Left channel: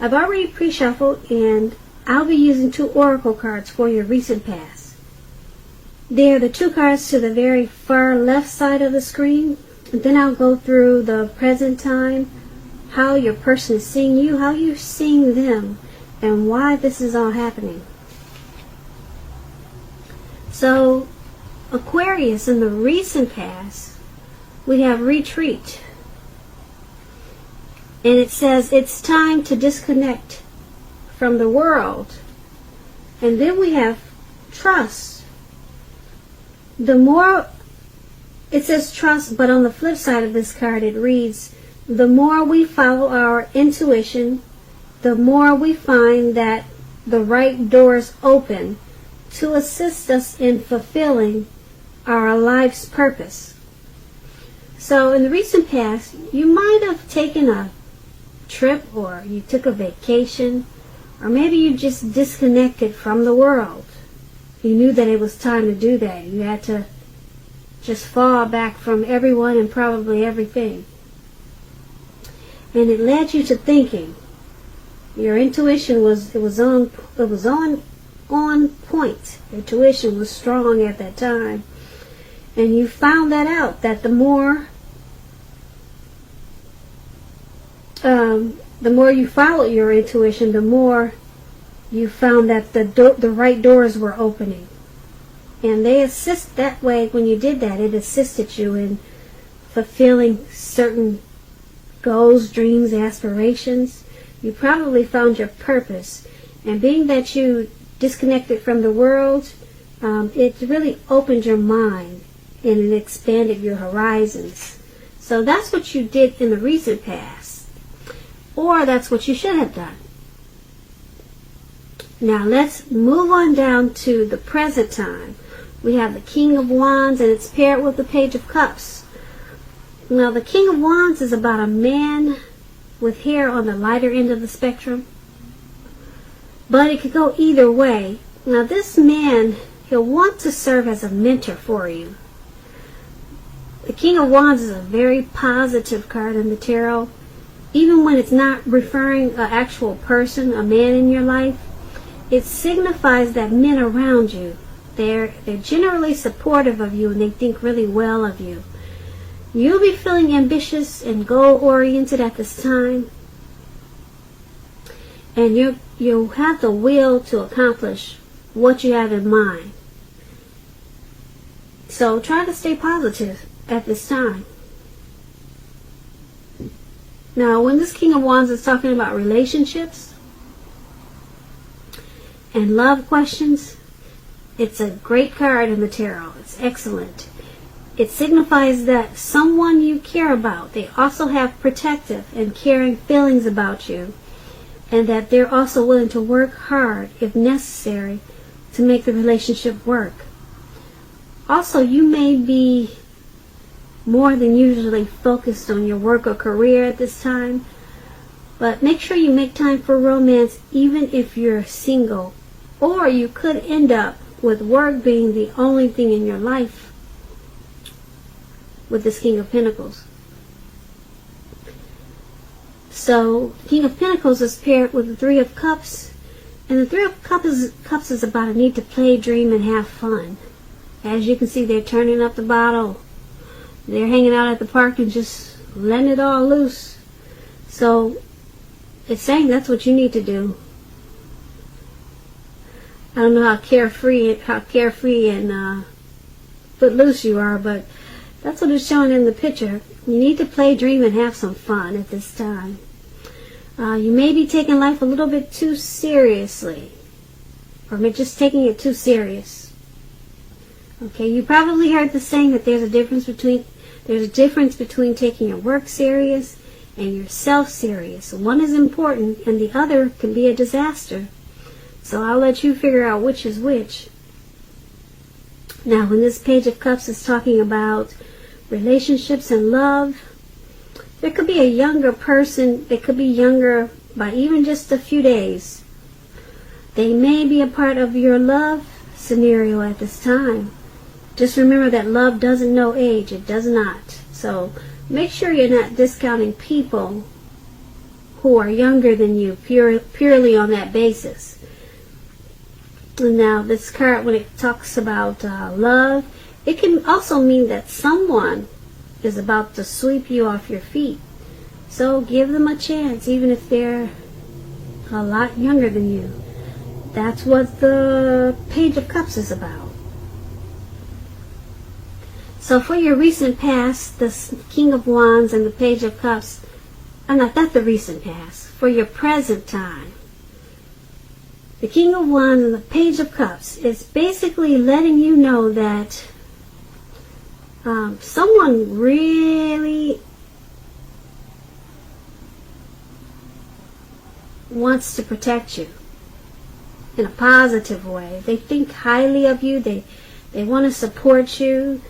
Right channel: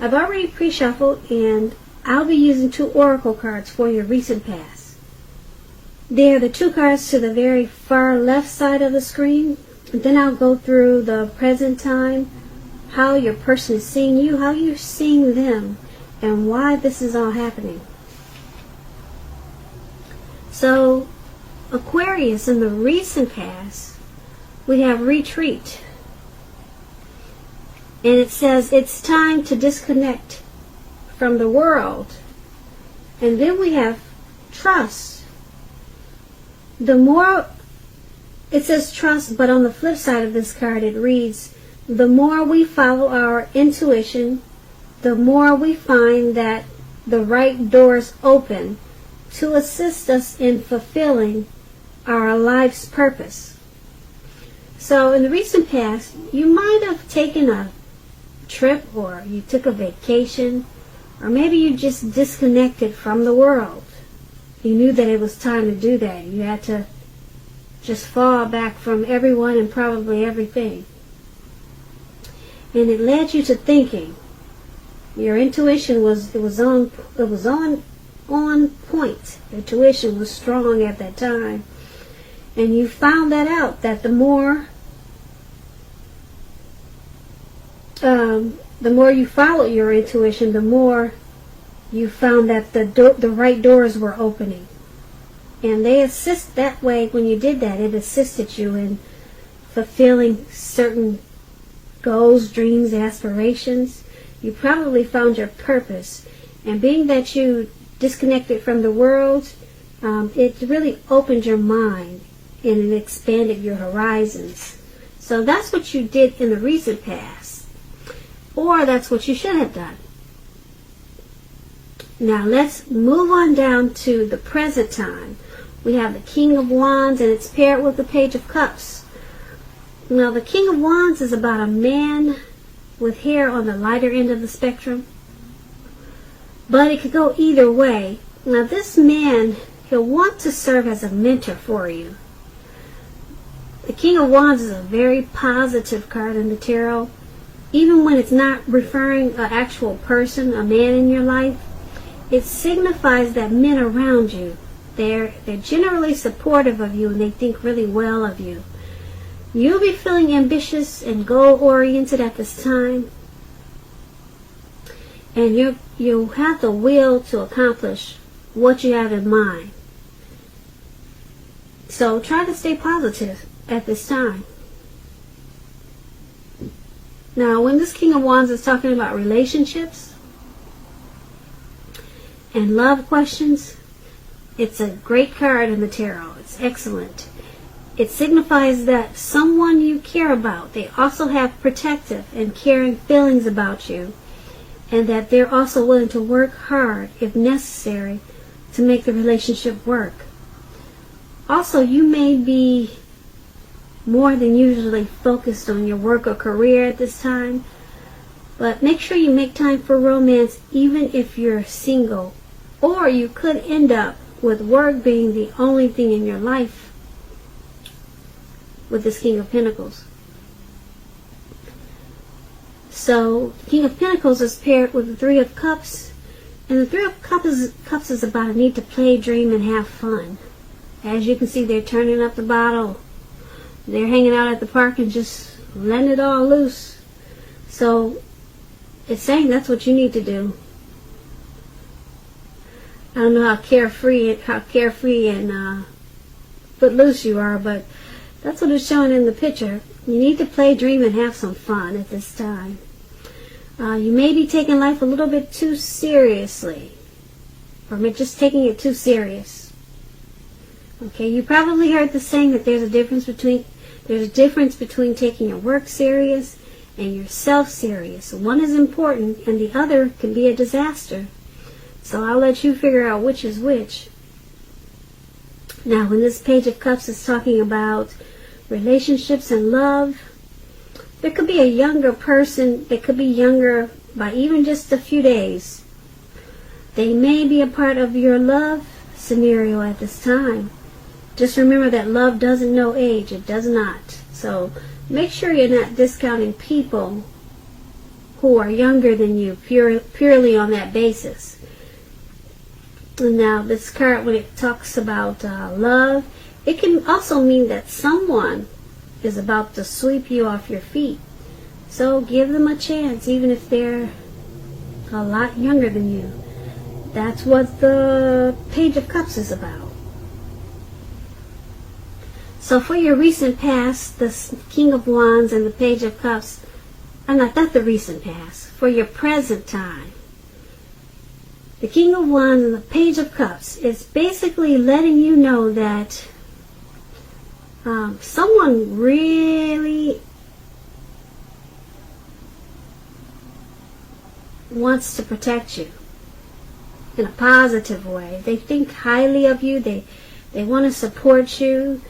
I've already pre-shuffled, and I'll be using 2 oracle cards for your recent past. They're the 2 cards to the very far left side of the screen. And then I'll go through the present time, how you're personally seeing you, how you're seeing them, and why this is all happening. So, Aquarius, in the recent past, we have retreat. And it says it's time to disconnect from the world. And then we have trust. The more, it says trust, but on the flip side of this card it reads, the more we follow our intuition, the more we find that the right doors open to assist us in fulfilling our life's purpose. So in the recent past, you might have taken a trip, or you took a vacation, or maybe you just disconnected from the world. You knew that it was time to do that. You had to just fall back from everyone and probably everything. And it led you to thinking. Your intuition was on point. Your intuition was strong at that time. And you found that out, that the more you followed your intuition, the more you found that the right doors were opening. And they assist that way. When you did that, it assisted you in fulfilling certain goals, dreams, aspirations. You probably found your purpose. And being that you disconnected from the world, it really opened your mind and it expanded your horizons. So that's what you did in the recent past. Or that's what you should have done. Now let's move on down to the present time. We have the King of Wands, and it's paired with the Page of Cups. Now the King of Wands is about a man with hair on the lighter end of the spectrum. But it could go either way. Now this man, he'll want to serve as a mentor for you. The King of Wands is a very positive card in the tarot. Even when it's not referring to an actual person, a man in your life, it signifies that men around you, they're generally supportive of you and they think really well of you. You'll be feeling ambitious and goal-oriented at this time. And you'll have the will to accomplish what you have in mind. So try to stay positive at this time. Now, when this King of Wands is talking about relationships and love questions, it's a great card in the tarot. It's excellent. It signifies that someone you care about, they also have protective and caring feelings about you, and that they're also willing to work hard, if necessary, to make the relationship work. Also, you may be more than usually focused on your work or career at this time, but make sure you make time for romance even if you're single, or you could end up with work being the only thing in your life with this King of Pentacles. So King of Pentacles is paired with the Three of Cups, and the Three of Cups is about a need to play, dream, and have fun. As you can see, they're turning up the bottle. They're hanging out at the park and just letting it all loose. So it's saying that's what you need to do. I don't know how carefree and footloose you are, but that's what it's showing in the picture. You need to play, dream, and have some fun at this time. You may be taking life a little bit too seriously, or just taking it too serious. Okay, you probably heard the saying that there's a difference between taking your work serious and yourself serious. One is important and the other can be a disaster. So I'll let you figure out which is which. Now, when this Page of Cups is talking about relationships and love, there could be a younger person that could be younger by even just a few days. They may be a part of your love scenario at this time. Just remember that love doesn't know age. It does not. So make sure you're not discounting people who are younger than you, purely on that basis. And now this card, when it talks about love, it can also mean that someone is about to sweep you off your feet. So give them a chance, even if they're a lot younger than you. That's what the Page of Cups is about. So for your recent past, the King of Wands and the Page of Cups, not the recent past, for your present time, the King of Wands and the Page of Cups is basically letting you know that someone really wants to protect you in a positive way. They think highly of you. They want to support you.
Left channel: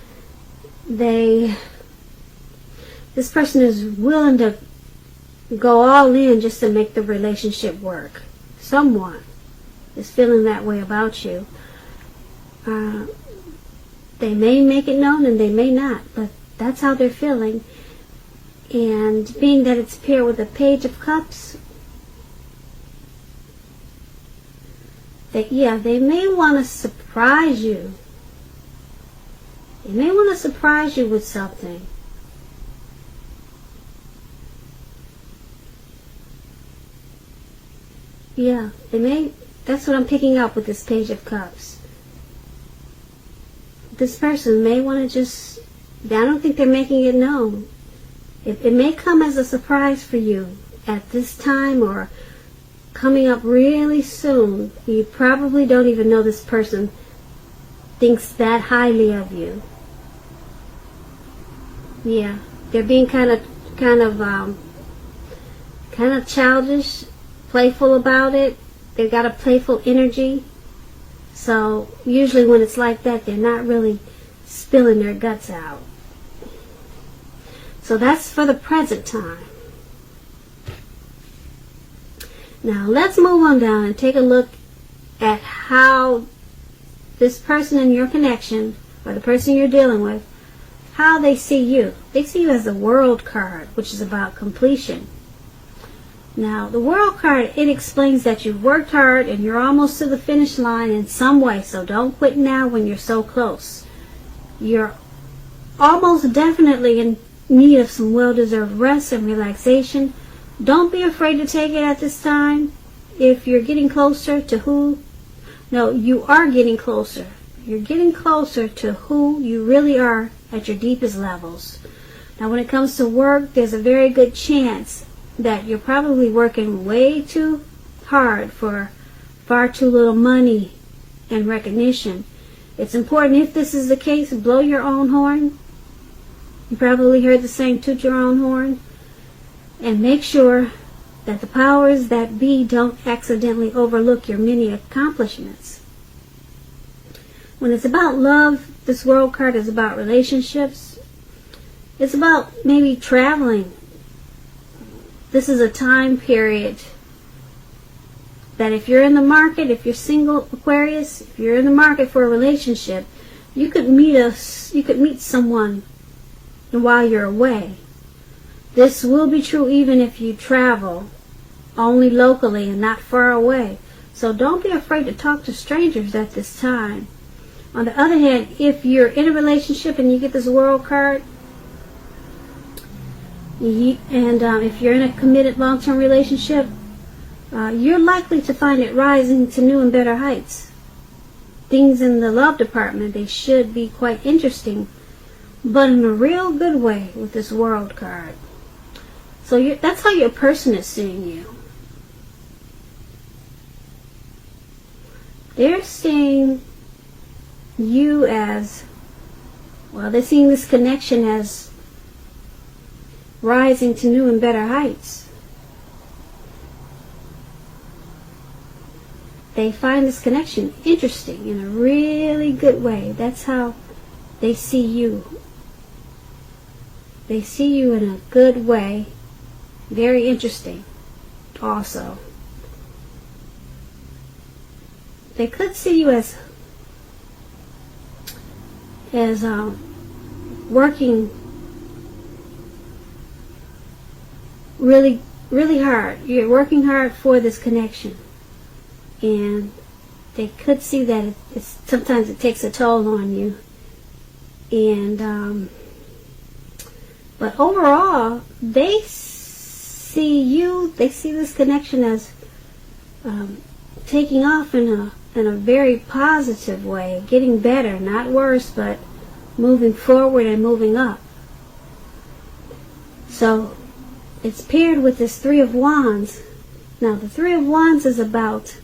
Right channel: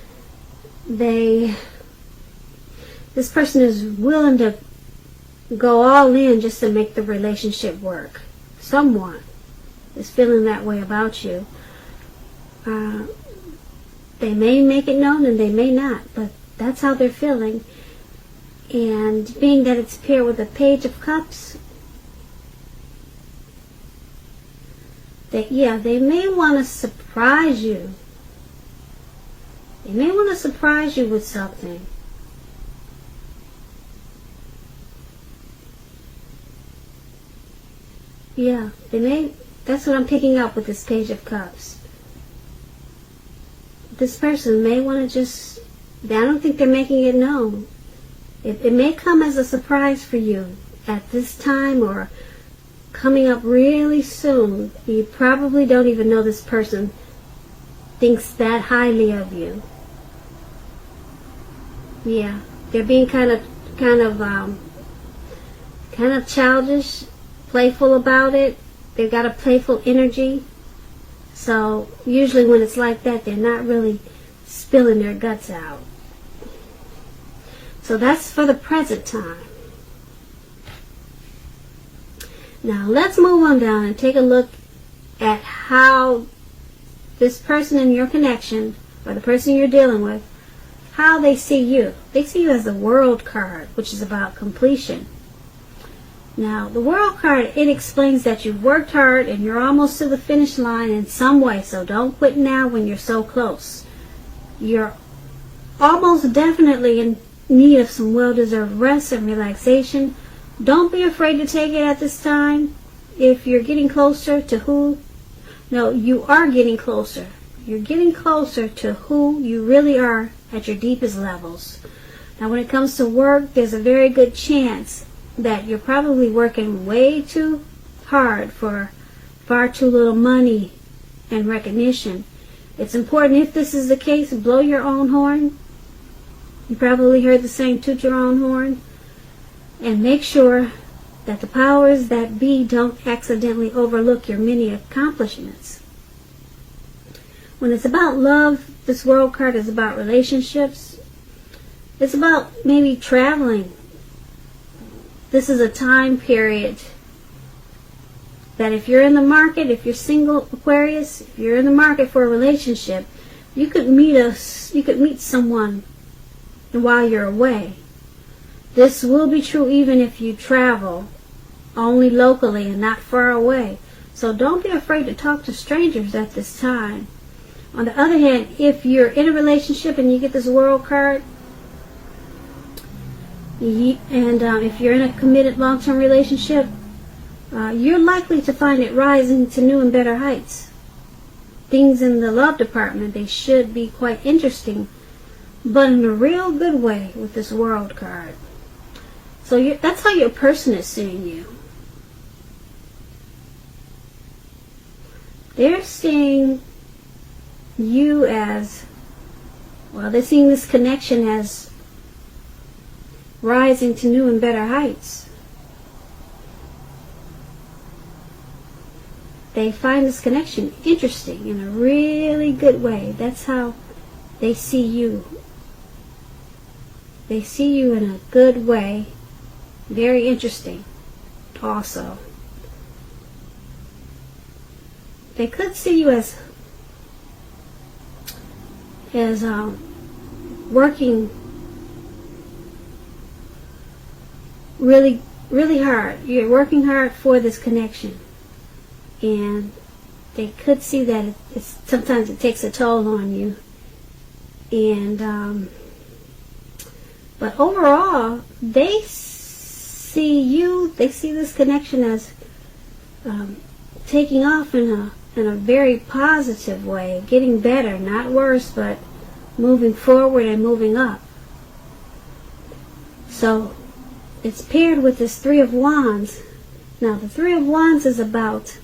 This person is willing to go all in just to make the relationship work. Someone is feeling that way about you. They may make it known and they may not, but that's how they're feeling. And being that it's paired with the Page of Cups, they may want to surprise you. They may want to surprise you with something. Yeah, they may. That's what I'm picking up with this Page of Cups. This person may want to just, I don't think they're making it known. It may come as a surprise for you at this time or coming up really soon. You probably don't even know this person thinks that highly of you. Yeah, they're being kind of childish, playful about it. They've got a playful energy. So usually when it's like that, they're not really spilling their guts out. So that's for the present time. Now let's move on down and take a look at how this person in your connection, or the person you're dealing with, how they see you. They see you as the World card, which is about completion. Now, the World card, it explains that you've worked hard and you're almost to the finish line in some way, so don't quit now when you're so close. You're almost definitely in need of some well-deserved rest and relaxation. Don't be afraid to take it at this time. If you're getting closer to you are getting closer. You're getting closer to who you really are at your deepest levels. Now, when it comes to work, there's a very good chance that you're probably working way too hard for far too little money and recognition. It's important, if this is the case, blow your own horn. You probably heard the saying, toot your own horn. And make sure that the powers that be don't accidentally overlook your many accomplishments. When it's about love, this World card is about relationships. It's about maybe traveling. This is a time period that if you're in the market, if you're single, Aquarius, if you're in the market for a relationship, you could meet someone while you're away. This will be true even if you travel only locally and not far away. So don't be afraid to talk to strangers at this time. On the other hand, if you're in a relationship and you get this World card, and if you're in a committed long-term relationship, you're likely to find it rising to new and better heights. Things in the love department, they should be quite interesting, but in a real good way with this World card. So that's how your person is seeing you. They're seeing you as, they're seeing this connection as rising to new and better heights. They find this connection interesting in a really good way. That's how they see you. They see you in a good way. Very interesting also. They could see you as working really really hard. You're working hard for this connection. And they could see that sometimes it takes a toll on you. And, but overall, they see this connection as taking off in a very positive way, getting better, not worse, but moving forward and moving up. So it's paired with this Three of Wands. Now the Three of Wands is about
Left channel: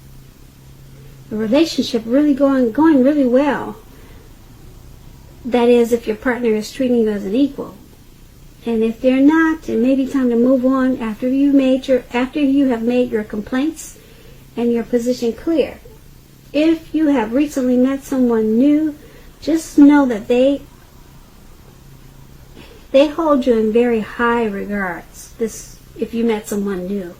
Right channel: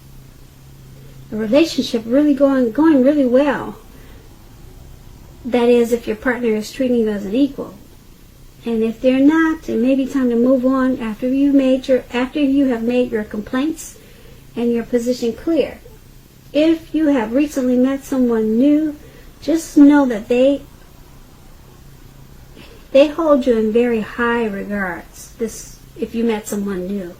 the relationship really going really well. That is, if your partner is treating you as an equal. And if they're not, it may be time to move on after you have made your complaints and your position clear. If you have recently met someone new, just know that they hold you in very high regards. If you met someone new.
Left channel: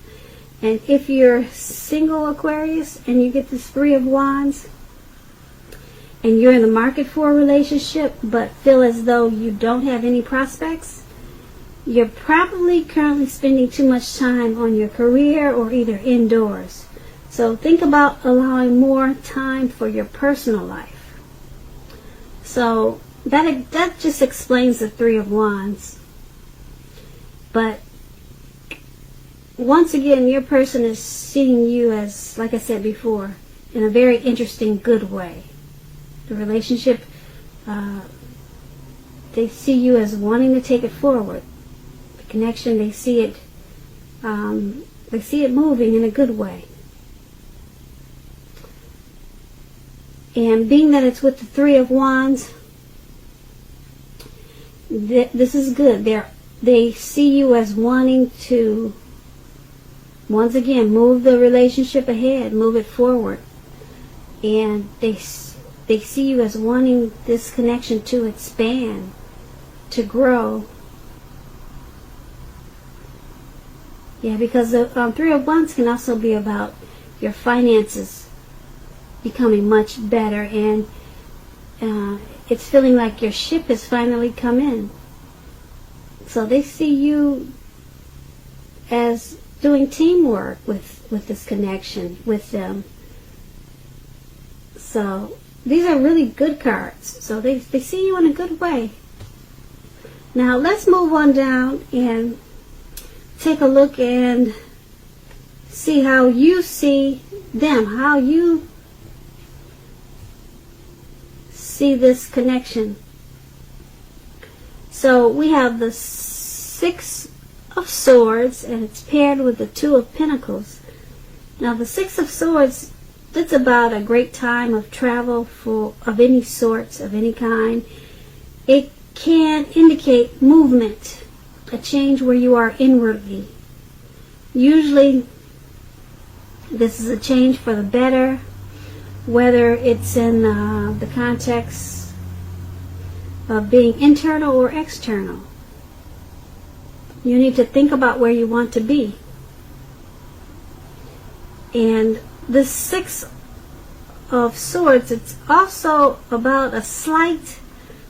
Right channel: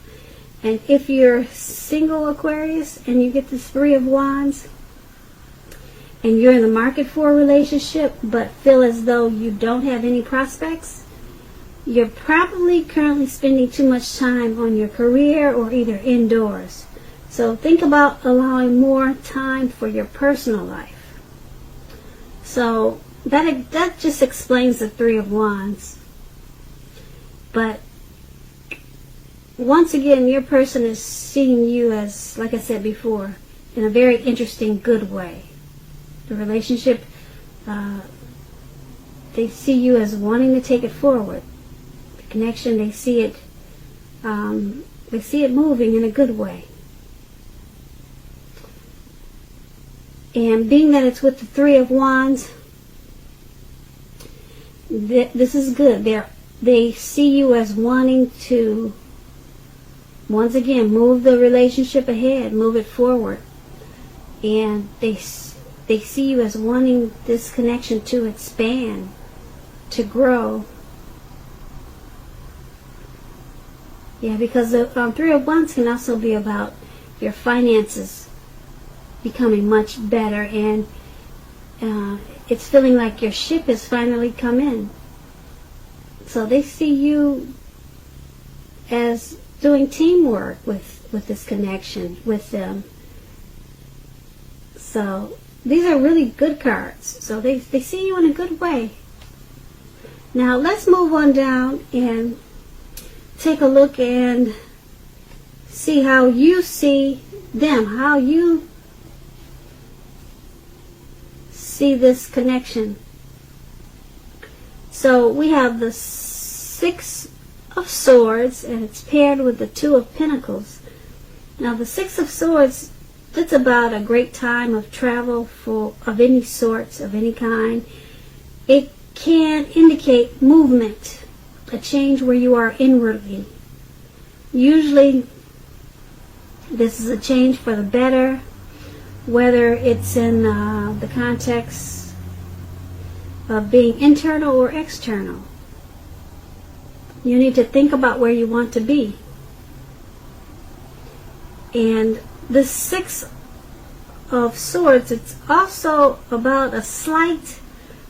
And if you're single, Aquarius, and you get this Three of Wands, and you're in the market for a relationship, but feel as though you don't have any prospects, you're probably currently spending too much time on your career or either indoors. So think about allowing more time for your personal life. So that just explains the Three of Wands. But once again, your person is seeing you as, like I said before, in a very interesting, good way. The relationship, they see you as wanting to take it forward. The connection, they see it moving in a good way. And being that it's with the Three of Wands, this is good. They see you as wanting to, once again, move the relationship ahead, move it forward. And they see you as wanting this connection to expand, to grow. Yeah, because the Three of Wands can also be about your finances becoming much better, and it's feeling like your ship has finally come in. So they see you as doing teamwork with this connection with them. So these are really good cards. So they see you in a good way. Now let's move on down and take a look and see how you see them, how you see this connection. So we have the Six of Swords, and it's paired with the Two of Pentacles. Now the Six of Swords, it's about a great time of travel of any sorts, of any kind. It can indicate movement, a change where you are inwardly. Usually this is a change for the better, whether it's in the context of being internal or external. You need to think about where you want to be. And the Six of Swords, it's also about a slight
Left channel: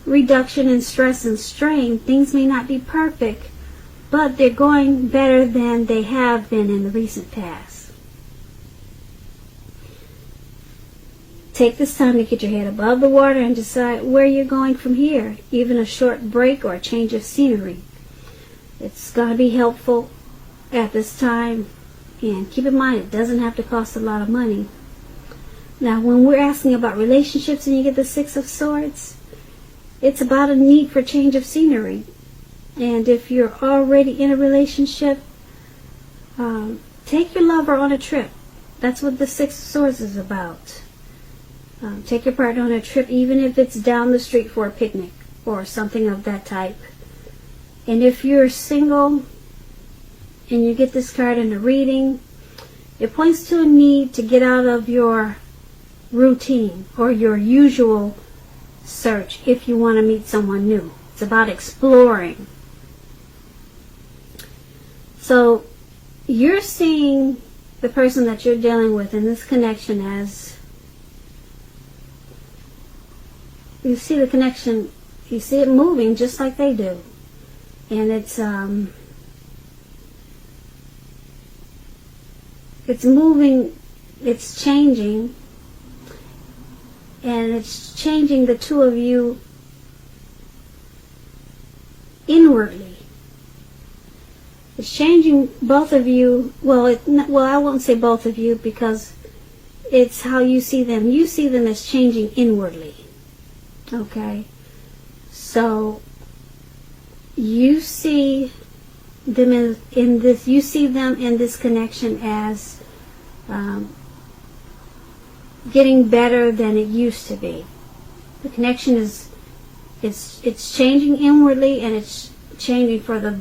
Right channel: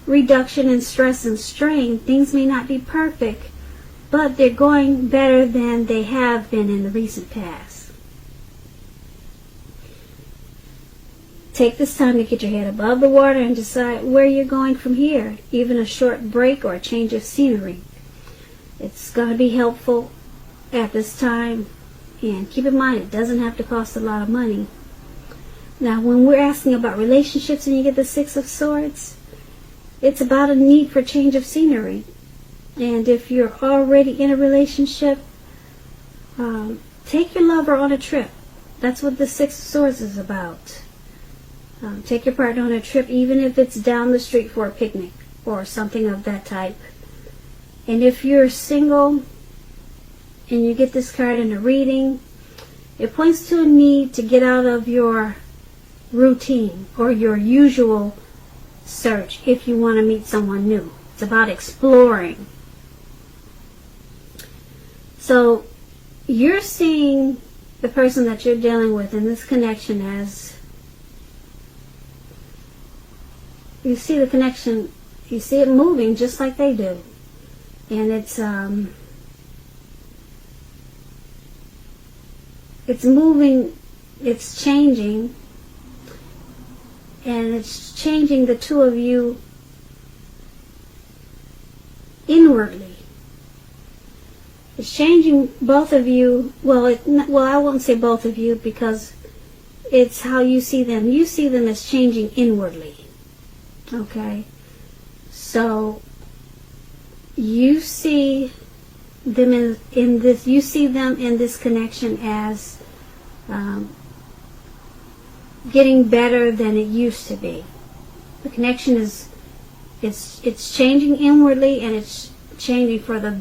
reduction in stress and strain. Things may not be perfect, but they're going better than they have been in the recent past. Take this time to get your head above the water and decide where you're going from here. Even a short break or a change of scenery. It's going to be helpful at this time. And keep in mind, it doesn't have to cost a lot of money. Now, when we're asking about relationships and you get the Six of Swords, it's about a need for change of scenery. And if you're already in a relationship, take your lover on a trip. That's what the Six of Swords is about. Take your partner on a trip, even if it's down the street for a picnic or something of that type. And if you're single and you get this card in the reading, it points to a need to get out of your routine or your usual search if you want to meet someone new. It's about exploring. So you're seeing the person that you're dealing with in this connection as, you see the connection, you see it moving just like they do. And it's it's moving, it's changing, and it's changing the two of you inwardly. It's changing both of you. Well, I won't say both of you, because it's how you see them. You see them as changing inwardly. Okay? So, you see them in this connection as getting better than it used to be. The connection is, it's changing inwardly, and it's changing for the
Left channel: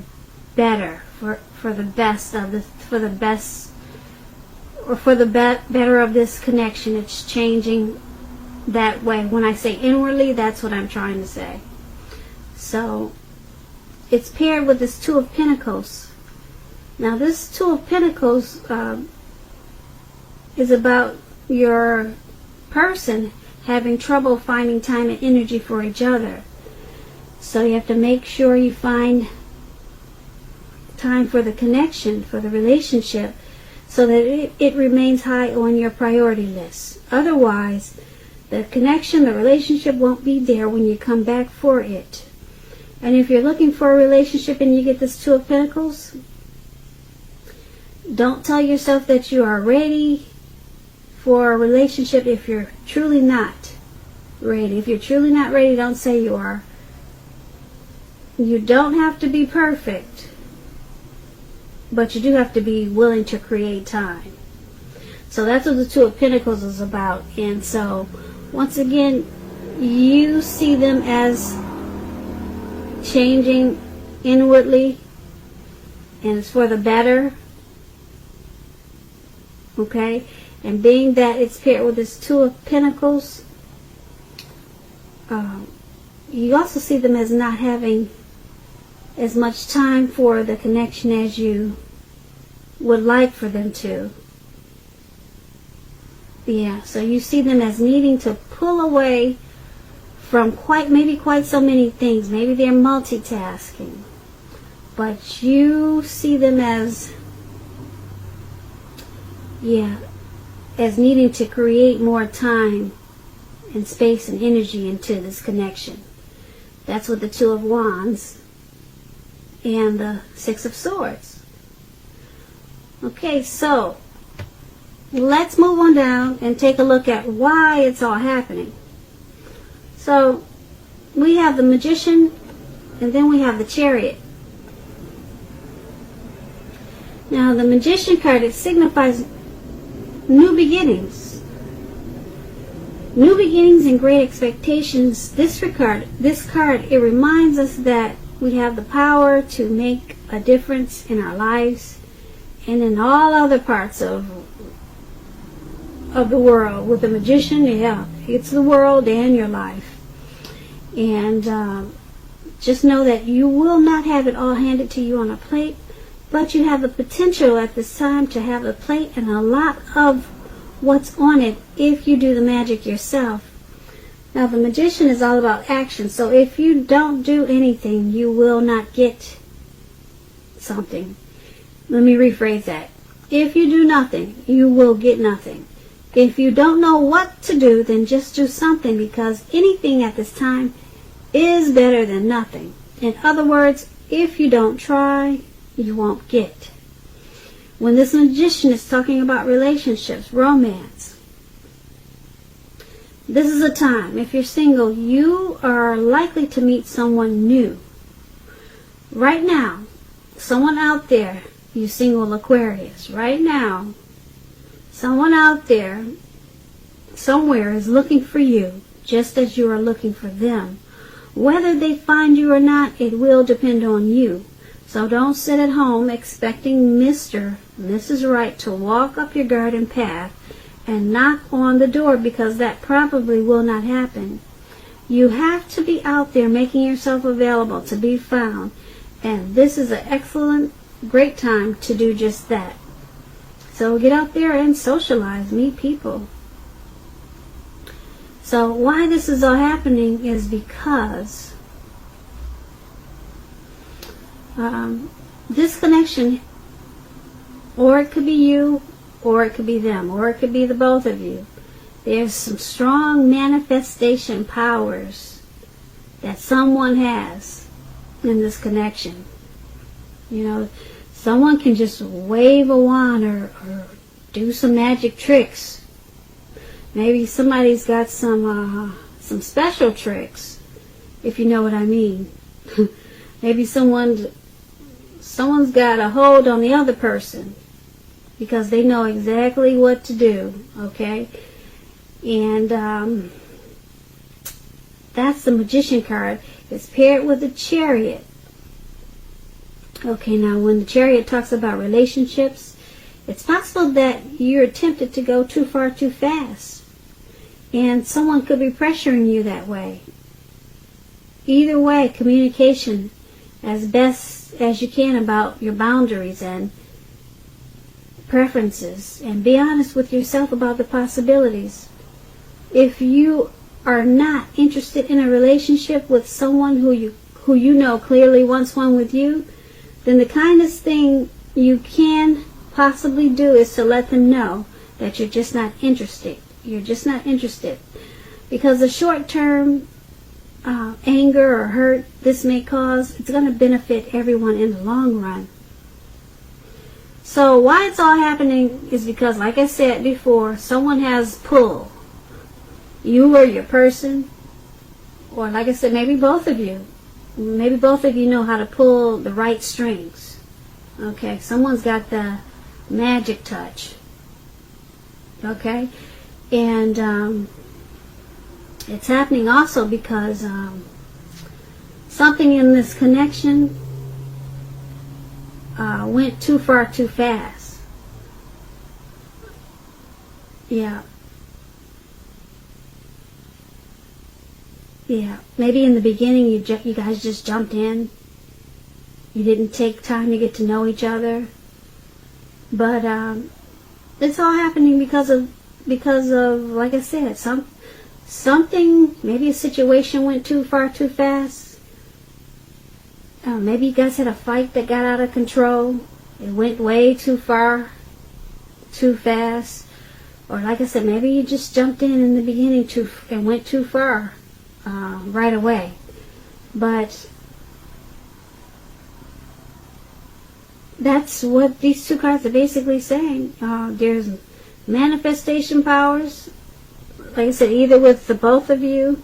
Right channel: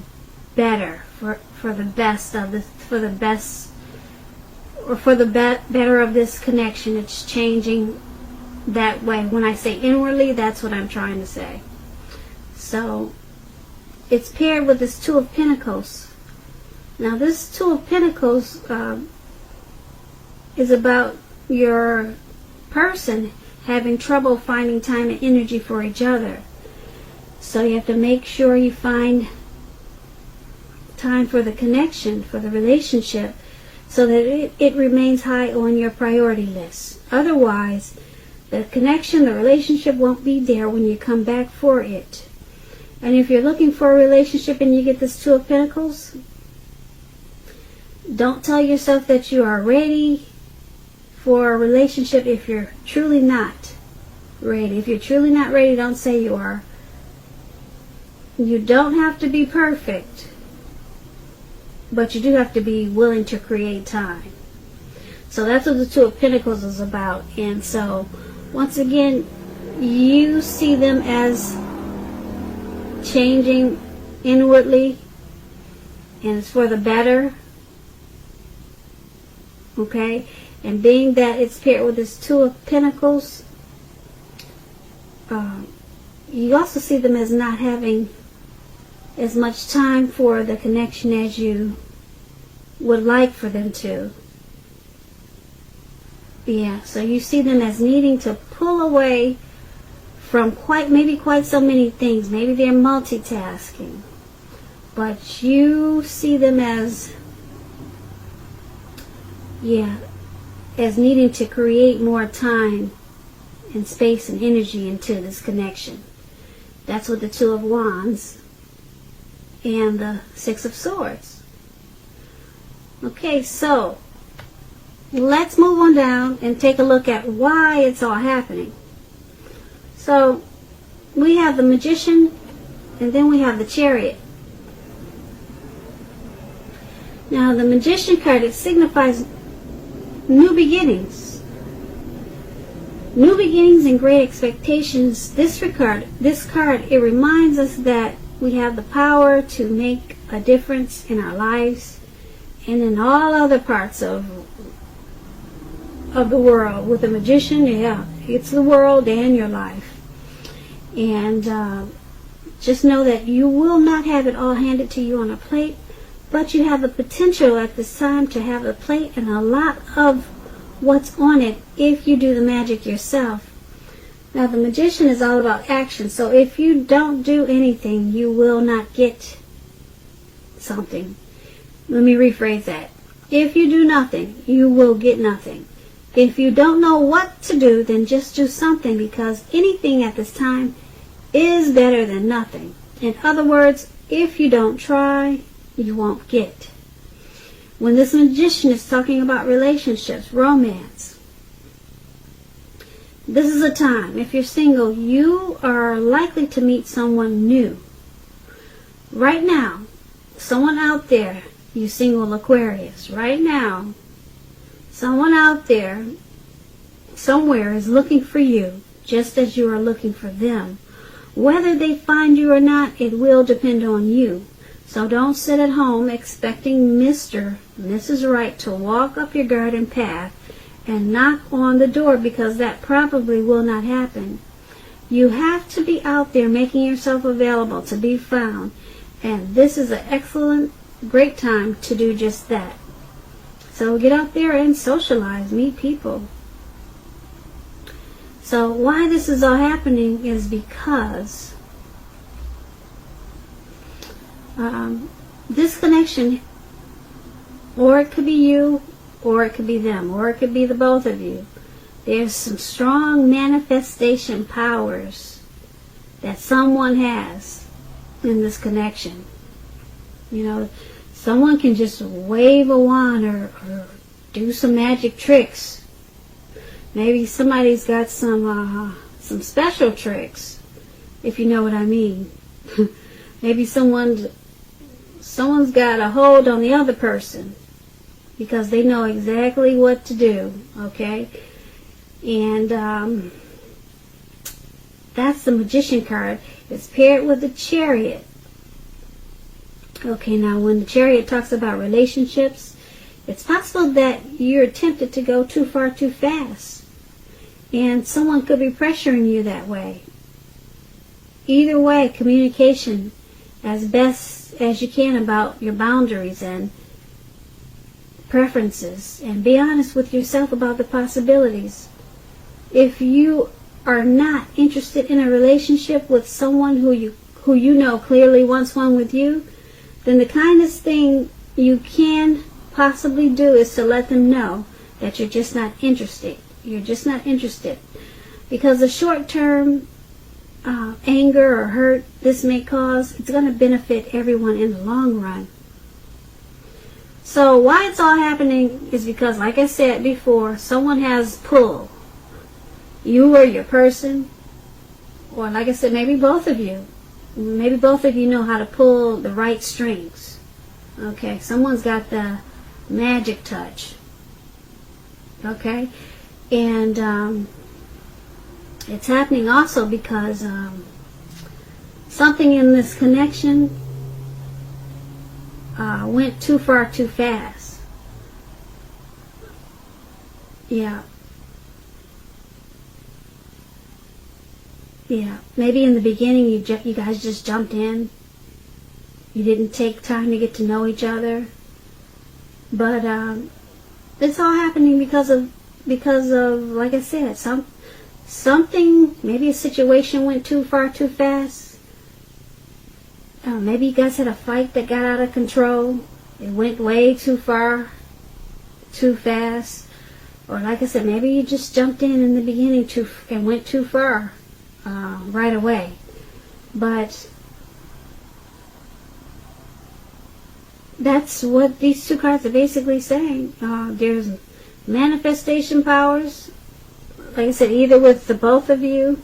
better, for the best of this, for the best, or for the better of this connection. It's changing that way. When I say inwardly, that's what I'm trying to say. So, it's paired with this Two of Pentacles. Now, this Two of Pentacles is about your person having trouble finding time and energy for each other. So you have to make sure you find time for the connection, for the relationship, so that it remains high on your priority list. Otherwise, the connection, the relationship won't be there when you come back for it. And if you're looking for a relationship and you get this Two of Pentacles, don't tell yourself that you are ready for a relationship if you're truly not ready. If you're truly not ready, don't say you are. You don't have to be perfect, but you do have to be willing to create time. So that's what the Two of Pentacles is about. And so, once again, you see them as changing inwardly, and it's for the better. Okay? And being that it's paired with this Two of Pentacles, you also see them as not having as much time for the connection as you would like for them to. Yeah, so you see them as needing to pull away from quite so many things. Maybe they're multitasking, but you see them as, as needing to create more time and space and energy into this connection. That's what the Two of Wands and the Six of Swords. Okay, so let's move on down and take a look at why it's all happening. So we have the Magician, and then we have the Chariot. Now the Magician card, it signifies new beginnings. New beginnings and great expectations. This card, it reminds us that we have the power to make a difference in our lives and in all other parts of the world. With the Magician, it's the world and your life. And just know that you will not have it all handed to you on a plate, but you have a potential at this time to have a plate and a lot of what's on it if you do the magic yourself. Now, the Magician is all about action, so if you don't do anything, you will not get something. Let me rephrase that. If you do nothing, you will get nothing. If you don't know what to do, then just do something, because anything at this time is better than nothing. In other words, if you don't try, you won't get. When this Magician is talking about relationships, romance, this is a time, if you're single, you are likely to meet someone new. Right now, someone out there, you single Aquarius, right now, someone out there, somewhere is looking for you, just as you are looking for them. Whether they find you or not, it will depend on you. So don't sit at home expecting Mr. and Mrs. Right to walk up your garden path and knock on the door, because that probably will not happen. You have to be out there making yourself available to be found. And this is an excellent, great time to do just that. So get out there and socialize, meet people. So why this is all happening is because this connection, or it could be you, or it could be them, or it could be the both of you. There's some strong manifestation powers that someone has in this connection. You know, someone can just wave a wand or do some magic tricks. Maybe somebody's got some special tricks, if you know what I mean. Maybe someone's got a hold on the other person because they know exactly what to do, okay? And that's the Magician card. It's paired with the Chariot. Okay, now when the Chariot talks about relationships, it's possible that you're tempted to go too far too fast. And someone could be pressuring you that way. Either way, communication as best as you can about your boundaries and preferences. And be honest with yourself about the possibilities. If you are not interested in a relationship with someone who you know clearly wants one with you, then the kindest thing you can possibly do is to let them know that you're just not interested. You're just not interested. Because the short-term anger or hurt this may cause, it's going to benefit everyone in the long run. So why it's all happening is because, like I said before, someone has pull. You or your person, or like I said, maybe both of you. Maybe both of you know how to pull the right strings. Okay, someone's got the magic touch. Okay, and it's happening also because something in this connection went too far too fast. Yeah. Yeah, maybe in the beginning you guys just jumped in. You didn't take time to get to know each other. But it's all happening because of like I said, something, maybe a situation went too far too fast. Maybe you guys had a fight that got out of control. It went way too far too fast. Or like I said, maybe you just jumped in the beginning and went too far. Right away. But that's what these two cards are basically saying. There's manifestation powers, like I said, either with the both of you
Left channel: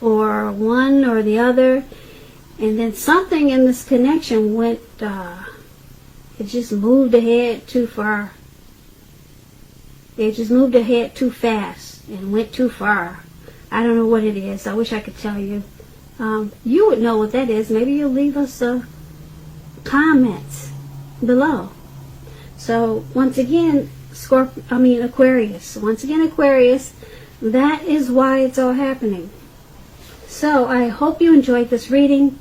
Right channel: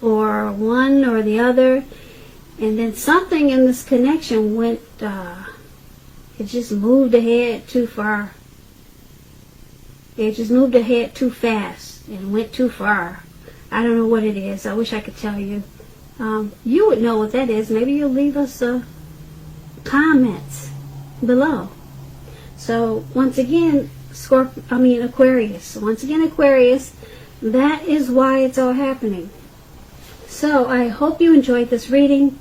or one or the other, and then something in this connection went it just moved ahead too far. It just moved ahead too fast and went too far. I don't know what it is. I wish I could tell you. You would know what that is. Maybe you'll leave us comments below. So once again, Aquarius. Once again, Aquarius. That is why it's all happening. So I hope you enjoyed this reading.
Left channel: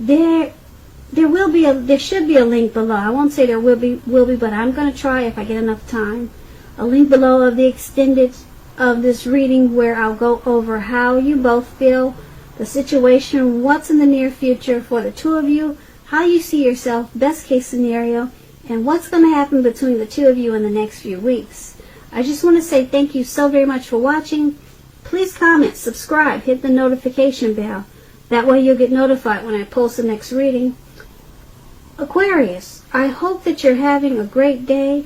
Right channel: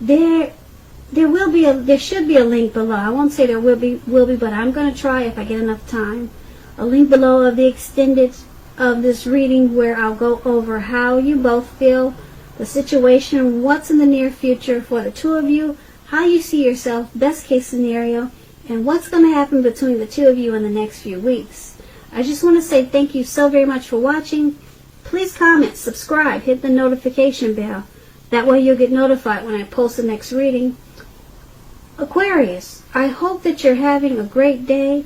There should be a link below. I won't say there will be, but I'm going to try if I get enough time. A link below of the extended of this reading where I'll go over how you both feel, the situation, what's in the near future for the two of you, how you see yourself, best case scenario, and what's going to happen between the two of you in the next few weeks. I just want to say thank you so very much for watching. Please comment, subscribe, hit the notification bell. That way you'll get notified when I post the next reading. Aquarius, I hope that you're having a great day,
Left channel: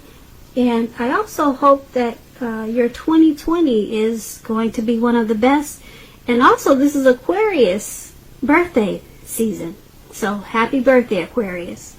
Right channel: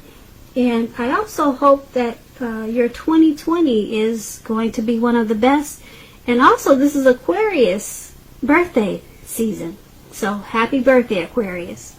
and I also hope that your 2020 is going to be one of the best. And also, this is Aquarius birthday season. So, happy birthday, Aquarius.